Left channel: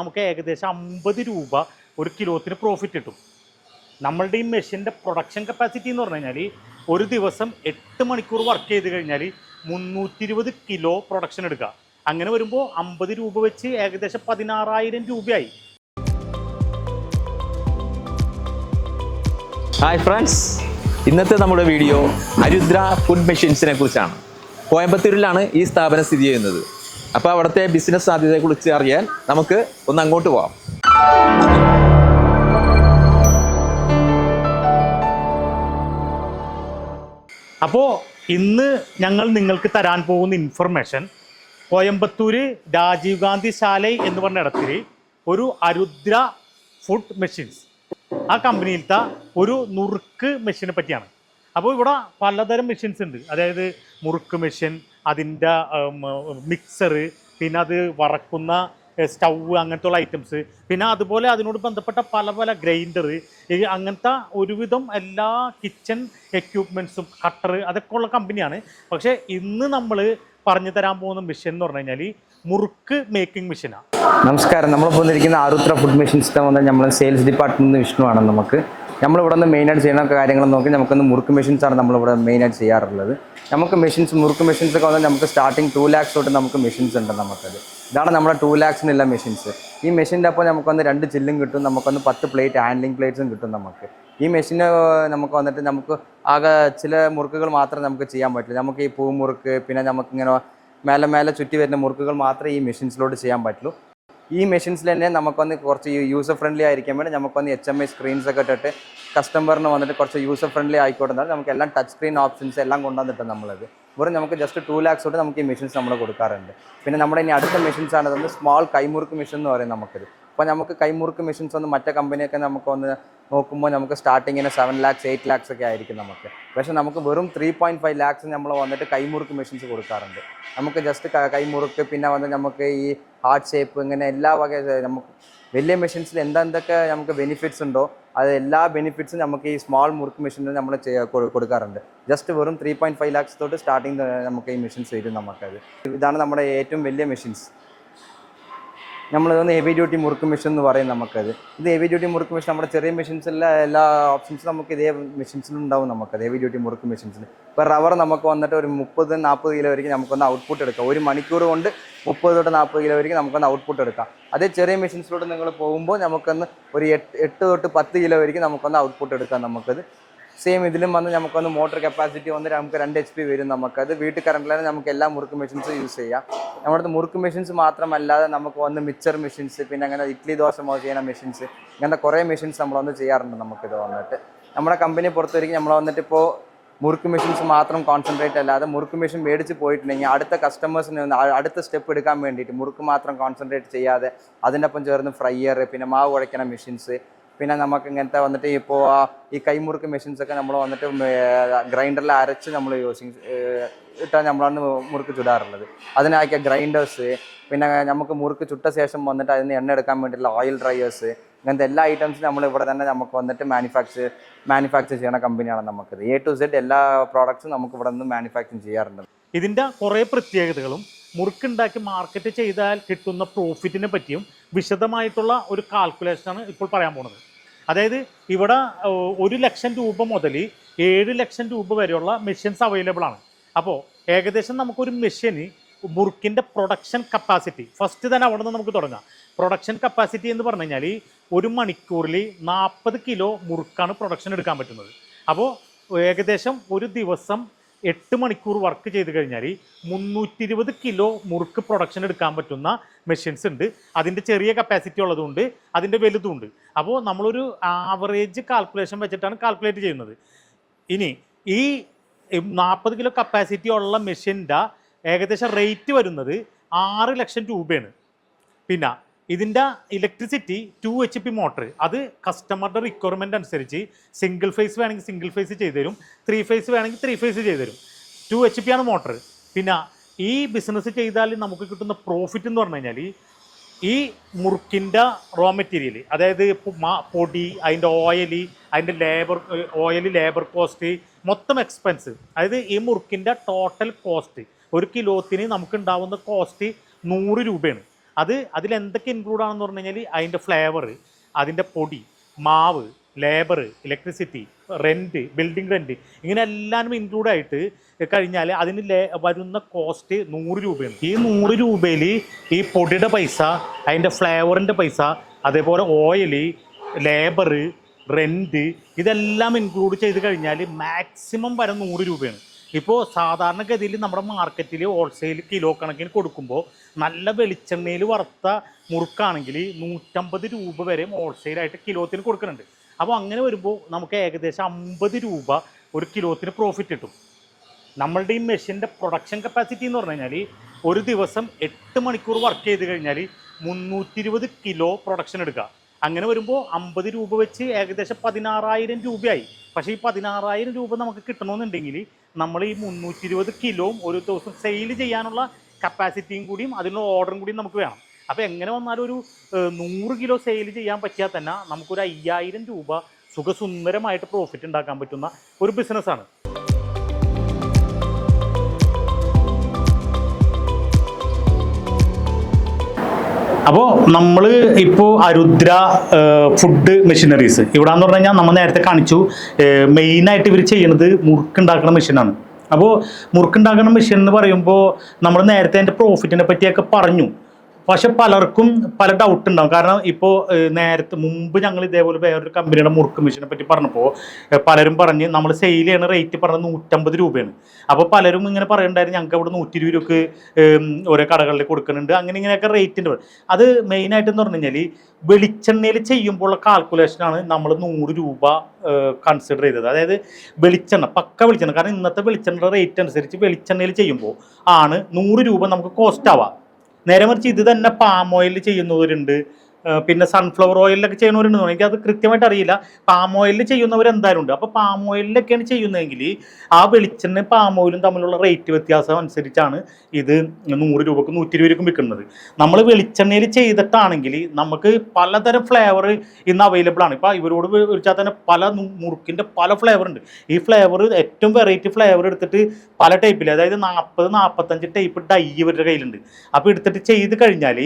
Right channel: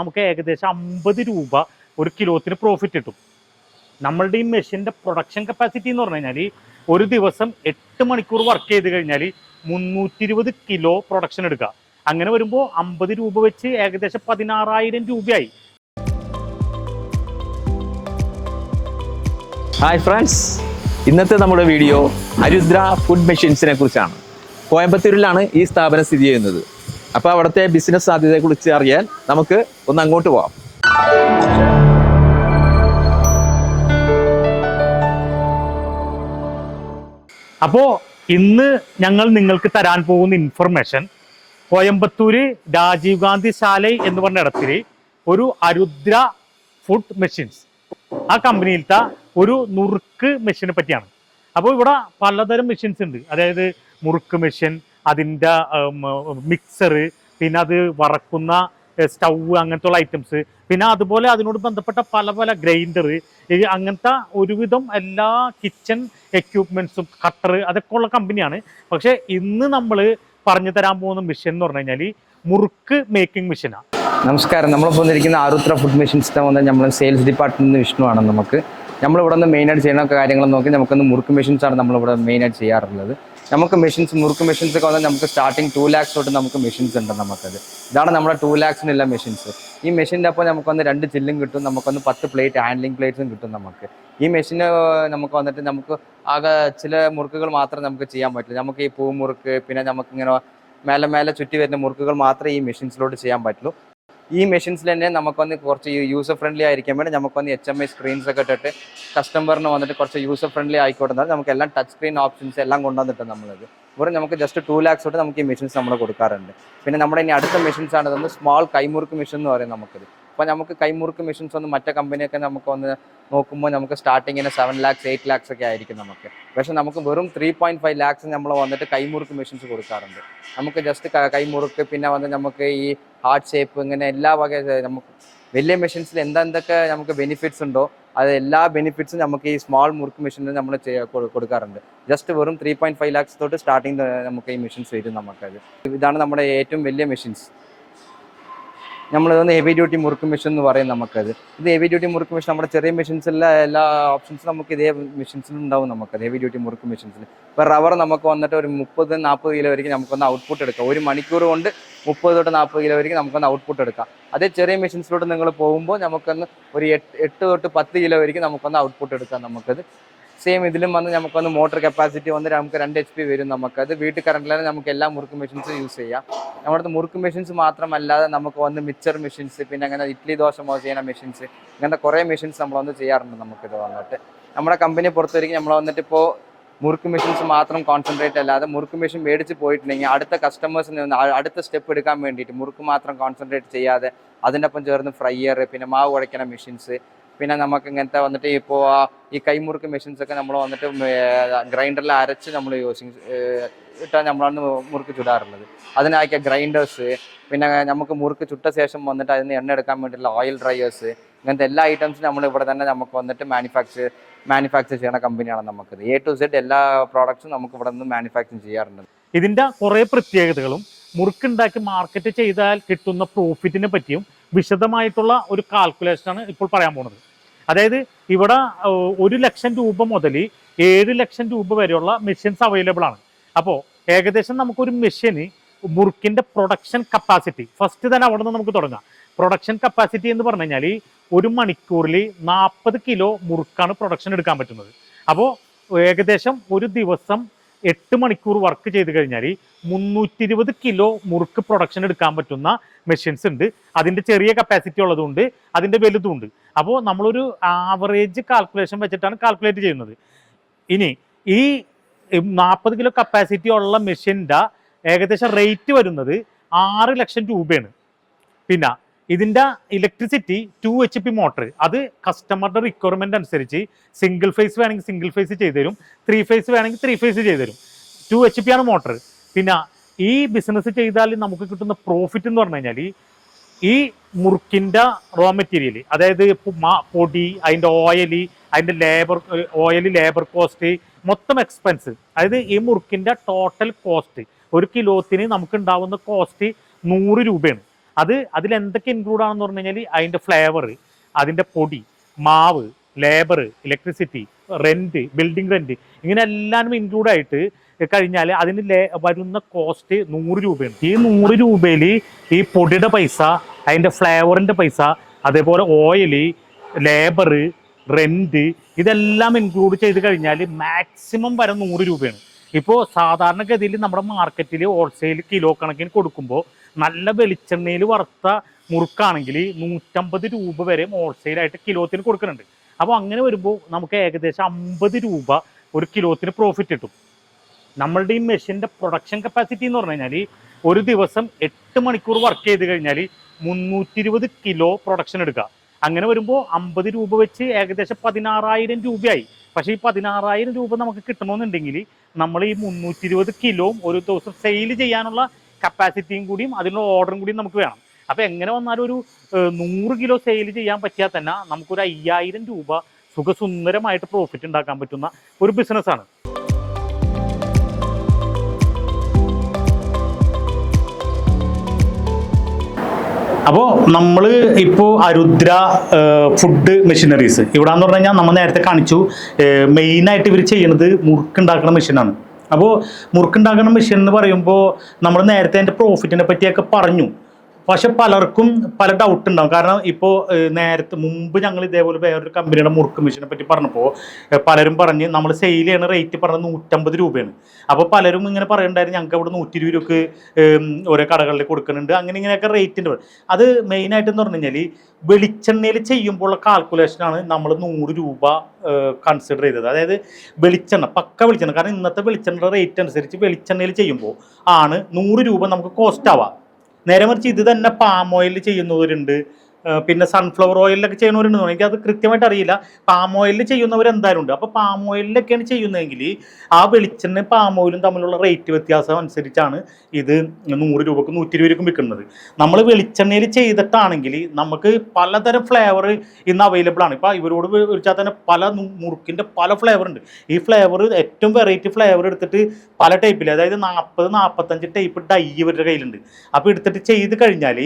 നമുക്ക് ഏകദേശം അമ്പത് രൂപ ഒരു കിലോത്തിന് പ്രോഫിറ്റ് കിട്ടും. നമ്മളുടെ ഈ മെഷീന്റെ പ്രൊഡക്ഷൻ കപ്പാസിറ്റി എന്ന് പറഞ്ഞു കഴിഞ്ഞാൽ ഒരു ദിവസം എട്ട് മണിക്കൂർ വർക്ക് ചെയ്ത് കഴിഞ്ഞാൽ മുന്നൂറ്റി ഇരുപത് കിലോ പ്രൊഡക്ഷൻ എടുക്കുക അങ്ങനെ വരുമ്പോൾ അമ്പത് രൂപ വെച്ച് ഏകദേശം പതിനാറായിരം രൂപയായി. ഹായ് ഫ്രണ്ട്സ് ഇന്നത്തെ നമ്മുടെ വീഡിയോ അരുദ്ര ഫുഡ് മെഷീൻസിനെ കുറിച്ചാണ്. കോയമ്പത്തൂരിലാണ് ഈ സ്ഥാപനം സ്ഥിതി ചെയ്യുന്നത്. അപ്പോൾ അവിടുത്തെ ബിസിനസ് സാധ്യതയെക്കുറിച്ച് അറിയാൻ നമുക്ക് ഒന്ന് അങ്ങോട്ട് പോവാം. അപ്പോൾ ഇന്ന് ഞങ്ങൾ നിങ്ങൾക്ക് തരാൻ പോകുന്ന ഇൻഫർമേഷൻ കോയമ്പത്തൂര് രാജീവ് ഗാന്ധി ശാലൈ എന്ന് പറഞ്ഞ ഇടത്തിൽ ഒരു അരുദ്ര ഫുഡ് മെഷീൻസ് ആ കമ്പനിയിലത്തെ ഒരു നുറുക്ക് മെഷീനെ പറ്റിയാണ്. അപ്പോൾ ഇവിടെ പലതരം മെഷീൻസ് ഉണ്ട്. അതായത് മുറുക്ക് മെഷീൻ അതിന്റെ മിക്സറ് പിന്നെ അത് വറക്കുന്ന സ്റ്റൗ അങ്ങനത്തെ ഉള്ള ഐറ്റംസ് പിന്നെ അതുപോലെ അതിനോട് ബന്ധപ്പെട്ട പല പല ഗ്രൈൻഡർ അങ്ങനത്തെ ഒരുവിധം എല്ലാ കിച്ചൺ എക്യുപ്മെൻസും കട്ടർ അതൊക്കെ ഉള്ള കമ്പനിയാണ് പക്ഷേ ഇന്ന് നമ്മൾ പറഞ്ഞു തരാൻ പോകുന്ന മിഷൻ എന്ന് പറഞ്ഞു കഴിഞ്ഞാൽ മുറുക്ക് മേക്കിംഗ് മിഷനാണ് നമസ്കാരം. നമ്മൾ വന്നിരിക്കുന്ന ആരുത്ര ഫുഡ് മെഷീൻസ് വന്ന നമ്മൾ സെയിൽസ് ഡിപ്പാർട്ട്മെന്റ് വിഷ്ണുവാണ് നമുക്ക്. നമ്മളിവിടെ നിന്ന് മെയിനായിട്ട് ചെയ്യുന്ന കാര്യങ്ങൾ നോക്കി നമുക്കൊന്ന് മുറുക്ക് മെഷീൻസ് ആണ് നമ്മളിവിടെ മെയിനായിട്ട് ചെയ്യാറുള്ളത്. നമുക്ക് മെഷീൻസ് മുറുക്ക് മെഷീൻസ് ഒക്കെ വന്നാൽ നമുക്ക് സ്റ്റാർട്ടിങ് ടു ലാക്സ് തൊട്ട് നമുക്ക് മെഷീൻസ് ഉണ്ട് നമുക്കത്. ഇതാണ് നമ്മുടെ ടു ലാക്സിനുള്ള മെഷീൻസ് ഈ മെഷീന്റെ അപ്പോൾ നമുക്ക് വന്ന് രണ്ട് ചില്ലും കിട്ടും നമുക്കൊന്ന് പത്ത് പ്ലേറ്റ് ഹാൻഡ്ലിംഗ് പ്ലേറ്റ്സും കിട്ടും നമുക്ക്. ഈ മെഷീന് നമുക്ക് വന്നിട്ട് നമുക്ക് ആകെ ചില മുറുക്കുകൾ മാത്രമേ നമുക്ക് ചെയ്യാൻ പറ്റുള്ളൂ നമുക്ക് ഈ പൂമുറുക്ക് പിന്നെ നമുക്കിങ്ങനെ മേലെ മേലെ ചുറ്റി വരുന്ന മുറുക്കുകൾ മാത്രമേ ഈ മെഷീൻസിലോട്ട് ചെയ്യാൻ പറ്റുള്ളൂ. ഈ മെഷീൻസിൽ തന്നെ നമുക്കൊന്ന് കുറച്ച് യൂസർ ഫ്രണ്ട്ലി ആയിരിക്കാൻ വേണ്ടി നമുക്കൊന്ന് എച്ച് എം ഐ സ്ക്രീൻസ് ഒക്കെ ഇട്ടിട്ട് കസ്റ്റമറിന് വന്നിട്ട് കുറച്ച് യൂസർ ഫ്രണ്ട്ലി ആയിക്കോട്ടെ നമുക്ക് എല്ലാം ടച്ച് സ്ക്രീൻ ഓപ്ഷൻസ് എല്ലാം കൊണ്ടുവന്നിട്ട് നമ്മളത്. വെറും നമുക്ക് ജസ്റ്റ് ടു ലാക്സ് തൊട്ട് നമുക്ക് ഈ മെഷീൻസ് നമ്മൾ കൊടുക്കാറുണ്ട്. പിന്നെ നമ്മുടെ ഇനി അടുത്ത മെഷീൻസ് ആണ് സ്മോൾ കൈമുറുക്ക് മെഷീൻ എന്ന് പറയും നമുക്കിത്. അപ്പോൾ നമുക്ക് കൈമുറുക്ക് മെഷീൻസ് ഒന്ന് മറ്റേ കമ്പനിയൊക്കെ നമുക്ക് വന്ന് നോക്കുമ്പോൾ നമുക്ക് സ്റ്റാർട്ടിങ്ങിന് സെവൻ ലാക്സ് എയ്റ്റ് ലാക്സ് ഒക്കെ ആയിരിക്കും നമുക്ക്. പക്ഷേ നമുക്ക് വെറും ത്രീ പോയിന്റ് ഫൈവ് ലാക്സ് നമ്മൾ വന്നിട്ട് കൈമുറുക്ക് മെഷീൻസ് കൊടുക്കാറുണ്ട്. നമുക്ക് ജസ്റ്റ് കൈമുറുക്ക് പിന്നെ വന്ന് നമുക്ക് ഈ ഹാർട്ട് ഷേപ്പ് ഇങ്ങനെ എല്ലാ വക നമുക്ക് വലിയ മെഷീൻസിൽ എന്തെന്തൊക്കെ നമുക്ക് ബെനിഫിറ്റ്സ് ഉണ്ടോ അത് എല്ലാ ബെനിഫിറ്റ്സും നമുക്ക് ഈ സ്മോൾ മുറുക്ക് മെഷീനിൽ നമ്മൾ കൊടുക്കാറുണ്ട്. ജസ്റ്റ് വെറും ത്രീ പോയിന്റ് ഫൈവ് ലാക്സ് തൊട്ട് സ്റ്റാർട്ടിങ് നമുക്ക് ഈ മെഷീൻസ് വരും നമുക്കത്. ഇതാണ് നമ്മുടെ ഏറ്റവും വലിയ മെഷീൻസ് നമ്മൾ ഇതൊന്ന് ഹെവി ഡ്യൂട്ടി മുറുക്ക് മെഷീൻ എന്ന് പറയും നമുക്കത്. ഇത് ഹെവി ഡ്യൂട്ടി മുറുക്ക് മെഷീൻ നമ്മുടെ ചെറിയ മെഷീൻസിലെ എല്ലാ ഓപ്ഷൻസും നമുക്ക് ഇതേ മെഷീൻസിലും ഉണ്ടാവും നമുക്കത് ഹെവി ഡ്യൂട്ടി മുറുക്ക് മെഷീൻസിൽ ഇപ്പോൾ റബ്ബർ നമുക്ക് വന്നിട്ട് ഒരു മുപ്പത് നാൽപ്പത് കിലോ വരെയും നമുക്കൊന്ന് ഔട്ട്പുട്ട് എടുക്കാം. ഒരു മണിക്കൂർ കൊണ്ട് മുപ്പത് തൊട്ട് നാൽപ്പത് കിലോ വരെയും നമുക്കൊന്ന് ഔട്ട്പുട്ട് എടുക്കാം. അതേ ചെറിയ മെഷീൻസിലോട്ട് നിങ്ങൾ പോകുമ്പോൾ നമുക്കൊന്ന് ഒരു എട്ട് എട്ട് തൊട്ട് പത്ത് കിലോ വരെയും നമുക്കൊന്ന് ഔട്ട്പുട്ട് എടുക്കാം നമുക്കത്. സെയിം ഇതിലും വന്ന് നമുക്കൊന്ന് മോട്ടർ കപ്പാസിറ്റി വന്ന് നമുക്ക് രണ്ട് എച്ച് പി വരും നമുക്കത് വീട്ടിൽ കറണ്ടിലാണ് നമുക്ക് എല്ലാ മുറുക്ക് മെഷീൻസും യൂസ് ചെയ്യാം. നമ്മുടെ മുറുക്ക് മെഷീൻസ് മാത്രമല്ലാതെ നമുക്ക് വന്ന് മിക്സർ മെഷീൻസ് പിന്നെ അങ്ങനെ ഇഡ്ഡലി ദോശ മോ ചെയ്യുന്ന മെഷീൻസ് ഇങ്ങനത്തെ കുറേ മെഷീൻസ് നമ്മൾ വന്ന് ചെയ്യാറുണ്ട് നമുക്കിത് വന്നിട്ട്. നമ്മുടെ കമ്പനി പുറത്തുവരിക്കും നമ്മൾ വന്നിട്ട് ഇപ്പോൾ മുറുക്ക് മെഷീൻസ് മാത്രം കോൺസെൻട്രേറ്റ് അല്ലാതെ മുറുക്ക് മെഷീൻ മേടിച്ച് പോയിട്ടുണ്ടെങ്കിൽ അടുത്ത കസ്റ്റമേഴ്സിന് അടുത്ത സ്റ്റെപ്പ് എടുക്കാൻ വേണ്ടിയിട്ട് മുറുക്ക് മാത്രം കോൺസെൻട്രേറ്റ് ചെയ്യാതെ അതിനൊപ്പം ചേർന്ന് ഫ്രൈയർ പിന്നെ മാവ് കുഴയ്ക്കുന്ന മെഷീൻസ് പിന്നെ നമുക്ക് ഇങ്ങനത്തെ വന്നിട്ട് ഇപ്പോൾ ഈ കൈമുറുക്ക് മെഷീൻസ് ഒക്കെ നമ്മൾ വന്നിട്ട് ഗ്രൈൻഡറിൽ അരച്ച് നമ്മൾ യൂസിങ് ഇട്ടാൽ നമ്മളാണ് മുറുക്ക് ചുടാറുള്ളത്. അതിനാക്കിയ ഗ്രൈൻഡേഴ്സ് പിന്നെ നമുക്ക് മുറുക്ക് ചുട്ട ശേഷം വന്നിട്ട് അതിന് എണ്ണ എടുക്കാൻ വേണ്ടിയിട്ടുള്ള ഓയിൽ ഡ്രയേഴ്സ് ഇങ്ങനത്തെ എല്ലാ ഐറ്റംസും നമ്മൾ ഇവിടെ തന്നെ നമുക്ക് വന്നിട്ട് മാനുഫാക്ചർ മാനുഫാക്ചർ ചെയ്യുന്ന കമ്പനിയാണ് നമുക്കത് എ ടു സെഡ് എല്ലാ പ്രോഡക്ട്സും നമുക്ക് ഇവിടെ നിന്ന് മാനുഫാക്ചർ ചെയ്യാറുണ്ട്. ഇതിന്റെ കുറേ പ്രത്യേകതകളും മുറുക്കുണ്ടാക്കി മാർക്കറ്റ് ചെയ്താൽ കിട്ടുന്ന പ്രോഫിറ്റിനെ പറ്റിയും വിശദമായിട്ടുള്ള ഒരു കാൽക്കുലേഷനാണ് ഇപ്പോൾ പറയാൻ പോകുന്നത്. അതായത് ഇവിടെ ഒരു ലക്ഷം രൂപ മുതൽ ഏഴ് ലക്ഷം രൂപ വരെയുള്ള മെഷീൻസ് അവൈലബിൾ ആണ്. അപ്പോൾ ഏകദേശം നമുക്കൊരു മെഷീന് മുറുക്കിന്റെ പ്രൊഡക്ഷൻ കപ്പാസിറ്റി ഫസ്റ്റ് തന്നെ അവിടെ നിന്ന് നമുക്ക് തുടങ്ങാം. പ്രൊഡക്ഷൻ കപ്പാസിറ്റി എന്ന് പറഞ്ഞു കഴിഞ്ഞാൽ ഒരു മണിക്കൂറിൽ നാൽപ്പത് കിലോ മുറുക്കാണ് പ്രൊഡക്ഷൻ എടുക്കാൻ പറ്റുന്നത്. അപ്പോൾ ഏകദേശം ഒരു ദിവസം എട്ട് മണിക്കൂർ വർക്ക് ചെയ്ത് കഴിഞ്ഞാൽ മുന്നൂറ്റി ഇരുപത് കിലോ മുറുക്ക് പ്രൊഡക്ഷൻ എടുക്കാൻ പറ്റുന്ന മെഷീൻസ് ഉണ്ട്. അതിന്റെ ചെറിയ കപ്പാസിറ്റി ഉള്ളതുകൊണ്ട് അതിന്റെ വലുതുണ്ട് അപ്പോൾ നമ്മളൊരു ആവറേജ് കാൽക്കുലേഷൻ വെച്ചിട്ടാണ് കാൽക്കുലേറ്റ് ചെയ്യുന്നത്. ഇനി ഈ നാൽപ്പത് കിലോ കപ്പാസിറ്റി ഉള്ള മെഷീന്റെ ഏകദേശം റേറ്റ് വരുന്നത് ആറ് ലക്ഷം രൂപയാണ്. പിന്നെ ഇതിന്റെ electricity two H P motor അത് കസ്റ്റമറുടെ റിക്വയർമെന്റ് അനുസരിച്ച് സിംഗിൾ ഫേസ് വേണമെങ്കിൽ സിംഗിൾ ഫേസ് ചെയ്തു തരും ത്രീ ഫേസ് വേണമെങ്കിൽ ത്രീ ഫേസ് ചെയ്തു തരും ടു എച്ച് പി ആണ് മോട്ടർ പിന്നെ ഈ ബിസിനസ് ചെയ്താൽ നമുക്ക് കിട്ടുന്ന പ്രോഫിറ്റ് എന്ന് പറഞ്ഞു കഴിഞ്ഞാൽ ഈ മുറുക്കിന്റെ റോ മെറ്റീരിയൽ അതായത് പൊടി അതിന്റെ ഓയിൽ അതിന്റെ ലേബർ ഓയിൽ ലേബർ കോസ്റ്റ് മൊത്തം എക്സ്പെൻസ് അതായത് ഈ മുറുക്കിന്റെ ടോട്ടൽ കോസ്റ്റ് ഒരു കിലോത്തിന് നമുക്ക് ഉണ്ടാവുന്ന കോസ്റ്റ് നൂറ് രൂപയാണ്. അത് അതിൽ എന്തൊക്കെ ഇൻക്ലൂഡ് ആണെന്ന് പറഞ്ഞു കഴിഞ്ഞാൽ അതിന്റെ ഫ്ലേവർ അതിന്റെ പൊടി മാവ് labour electricity rent building rent ഇങ്ങനെ എല്ലാവരും ഇൻക്ലൂഡ് ആയിട്ട് കഴിഞ്ഞാൽ അതിന് വരുന്ന കോസ്റ്റ് നൂറ് രൂപയാണ്. ഈ നൂറ് രൂപയിൽ ഈ പൊടിയുടെ പൈസ അതിന്റെ ഫ്ലേവറിന്റെ പൈസ അതേപോലെ ഓയിൽ ലേബർ റെന്റ് ഇതെല്ലാം ഇൻക്ലൂഡ് ചെയ്ത് കഴിഞ്ഞാൽ മാക്സിമം വരെ നൂറ് രൂപയാണ്. ഇപ്പോൾ സാധാരണഗതിയിൽ നമ്മുടെ മാർക്കറ്റിൽ ഹോൾസെയിൽ കിലോ കണക്കിന് കൊടുക്കുമ്പോൾ നല്ല വെളിച്ചെണ്ണയിൽ വറുത്ത മുറുക്കാണെങ്കിൽ നൂറ്റമ്പത് രൂപ വരെ ഹോൾസെയിലായിട്ട് കിലോത്തിന് കൊടുക്കുന്നുണ്ട്. അപ്പോൾ അങ്ങനെ വരുമ്പോൾ നമുക്ക് ഏകദേശം അമ്പത് രൂപ ഒരു കിലോത്തിന് പ്രോഫിറ്റ് കിട്ടും. നമ്മളുടെ ഈ മെഷീന്റെ പ്രൊഡക്ഷൻ കപ്പാസിറ്റി എന്ന് പറഞ്ഞു കഴിഞ്ഞാൽ ഒരു ദിവസം എട്ട് മണിക്കൂർ വർക്ക് ചെയ്ത് കഴിഞ്ഞാൽ മുന്നൂറ്റി ഇരുപത് കിലോ പ്രൊഡക്ഷൻ എടുക്കുക. അങ്ങനെ വരുമ്പോൾ അമ്പത് രൂപ വെച്ച് ഏകദേശം പതിനാറായിരം രൂപയായി. പക്ഷേ ഈ പതിനാറായിരം രൂപ നമുക്ക് കിട്ടണമെന്നുണ്ടെങ്കിൽ നമ്മൾ ഈ മുന്നൂറ്റി ഇരുപത് ഒരു ദിവസം സെയിൽ ചെയ്യാനുള്ള കപ്പാസിറ്റിയും കൂടിയും അതിനുള്ള ഓർഡറും കൂടിയും നമുക്ക് വേണം. അപ്പോൾ എങ്ങനെ വന്നാലും ഒരു നൂറ് കിലോ സെയിൽ ചെയ്യാൻ പറ്റിയാൽ തന്നെ നമുക്കൊരു അയ്യായിരം രൂപ സുഖസുന്ദരമായിട്ട് പ്രോഫിറ്റ് ഉണ്ടാക്കാൻ പറ്റുന്ന ഒരു ബിസിനസ്സാണ് അപ്പോൾ നമ്മൾ ഇപ്പോൾ അരുദ്ര ഫുഡ് മെഷീനറീസ് ഇവിടെ എന്ന് പറഞ്ഞു കഴിഞ്ഞാൽ നമ്മൾ നേരത്തെ കാണിച്ചു മെയിനായിട്ട് ഇവർ ചെയ്യുന്നത് മുറുക്കുണ്ടാക്കുന്ന മെഷീനാണ് അപ്പോൾ മുറുക്കുണ്ടാക്കുന്ന മെഷീൻ എന്ന് പറയുമ്പോൾ നമ്മൾ നേരത്തെ അതിന്റെ പ്രോഫിറ്റിനെ പറ്റിയൊക്കെ പറഞ്ഞു. പക്ഷെ പലർക്കും പല ഡൗട്ട് ഉണ്ടാവും. കാരണം ഇപ്പോൾ നേരത്തെ മുമ്പ് ഞങ്ങൾ ഇതേപോലെ വേറൊരു കമ്പനിയുടെ മുറുക്ക് മെഷീനെ പറ്റി പറഞ്ഞപ്പോൾ പലരും പറഞ്ഞ് നമ്മൾ സെയിൽ ചെയ്യണ റേറ്റ് പറഞ്ഞത് നൂറ്റമ്പത് രൂപയാണ്. അപ്പോൾ പലരും ഇങ്ങനെ പറയുന്നുണ്ടായിരുന്നു ഞങ്ങൾക്ക് അവിടെ നൂറ്റി ഇരുപത് രൂപക്ക് ഓരോ കടകളിൽ കൊടുക്കുന്നുണ്ട്. അങ്ങനെ ഇങ്ങനെയൊക്കെ റേറ്റിന്റെ അത് മെയിനായിട്ട് എന്ന് പറഞ്ഞു കഴിഞ്ഞാൽ വെളിച്ചെണ്ണയിൽ ചെയ്യുമ്പോഴുള്ള കാൽക്കുലേഷനാണ് നമ്മൾ നൂറ് രൂപ കൺസിഡർ ചെയ്തത്. അതായത് വെളിച്ചെണ്ണ പക്ക വെളിച്ചെണ്ണ. കാരണം ഇന്നത്തെ വെളിച്ചെണ്ണയുടെ റേറ്റ് അനുസരിച്ച് വെളിച്ചെണ്ണയിൽ ചെയ്യുമ്പോൾ ആണ് നൂറ് രൂപ നമുക്ക് കോസ്റ്റ് ആവാം നേരെ മറിച്ച് ഇത് തന്നെ പാം ഓയിൽ ചെയ്യുന്നവരുണ്ട്. പിന്നെ സൺഫ്ലവർ ഓയിലൊക്കെ ചെയ്യുന്നവരുണ്ട് എനിക്ക് അത് കൃത്യമായിട്ട് അറിയില്ല. പാം ഓയിലിൽ ചെയ്യുന്നവർ എന്തായാലും ഉണ്ട് അപ്പോൾ പാം ഓയിലിലൊക്കെയാണ് ചെയ്യുന്നതെങ്കിൽ ആ വെളിച്ചെണ്ണ പാം ഓയിലും തമ്മിലുള്ള റേറ്റ് വ്യത്യാസം അനുസരിച്ചാണ് ഇത് നൂറ് രൂപക്കും നൂറ്റി ഇരുപത് രൂപക്കും വിൽക്കുന്നത്. നമ്മൾ വെളിച്ചെണ്ണയിൽ ചെയ്തിട്ടാണെങ്കിൽ നമുക്ക് പലതരം ഫ്ലേവർ ഇന്ന് അവൈലബിൾ ആണ്. ഇപ്പോൾ ഇവരോട് വിളിച്ചാൽ തന്നെ പല മുറുക്കിന്റെ പല ഫ്ലേവർ ഉണ്ട്. ഈ ഫ്ലേവർ ഏറ്റവും വെറൈറ്റി ഫ്ലേവർ എടുത്തിട്ട് പല ടൈപ്പിൽ അതായത് നാൽപ്പത് നാൽപ്പത്തഞ്ച് ടൈപ്പ് ഡൈ ഇവരുടെ കയ്യിലുണ്ട്. അപ്പോൾ എടുത്തിട്ട് ചെയ്ത് കഴിഞ്ഞാൽ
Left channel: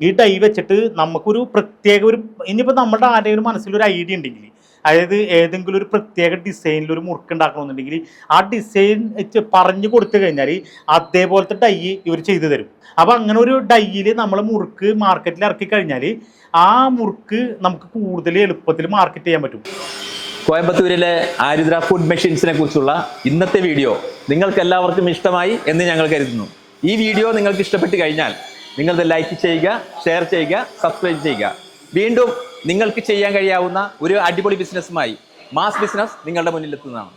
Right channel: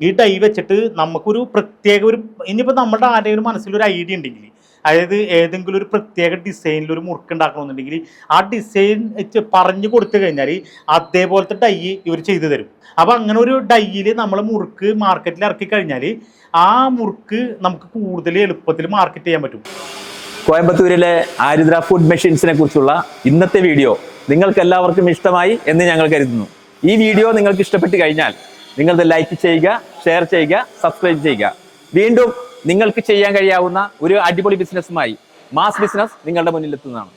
ഈ ടൈ വെച്ചിട്ട് നമുക്കൊരു പ്രത്യേക ഒരു ഇനിയിപ്പോൾ നമ്മുടെ ആരെങ്കിലും മനസ്സിലൊരു ഐഡിയ ഉണ്ടെങ്കിൽ അതായത് ഏതെങ്കിലും ഒരു പ്രത്യേക ഡിസൈനിൽ ഒരു മുറുക്ക് ഉണ്ടാക്കണമെന്നുണ്ടെങ്കിൽ ആ ഡിസൈൻ പറഞ്ഞു കൊടുത്തു കഴിഞ്ഞാൽ അതേപോലത്തെ ഡൈ ഇവർ ചെയ്തു തരും. അപ്പോൾ അങ്ങനെ ഒരു ഡൈയിൽ നമ്മൾ മുറുക്ക് മാർക്കറ്റിൽ ഇറക്കി കഴിഞ്ഞാൽ ആ മുറുക്ക് നമുക്ക് കൂടുതൽ എളുപ്പത്തിൽ മാർക്കറ്റ് ചെയ്യാൻ പറ്റും. കോയമ്പത്തൂരിലെ ആരുദ്ര ഫുഡ് മെഷീൻസിനെ കുറിച്ചുള്ള ഇന്നത്തെ വീഡിയോ നിങ്ങൾക്ക് എല്ലാവർക്കും ഇഷ്ടമായി എന്ന് ഞങ്ങൾ കരുതുന്നു. ഈ വീഡിയോ നിങ്ങൾക്ക് ഇഷ്ടപ്പെട്ട് കഴിഞ്ഞാൽ നിങ്ങളത് ലൈക്ക് ചെയ്യുക ഷെയർ ചെയ്യുക സബ്സ്ക്രൈബ് ചെയ്യുക. വീണ്ടും നിങ്ങൾക്ക് ചെയ്യാൻ കഴിയാവുന്ന ഒരു അടിപൊളി ബിസിനസ്സുമായി മാസ് ബിസിനസ് നിങ്ങളുടെ മുന്നിലെത്തുന്നതാണ്.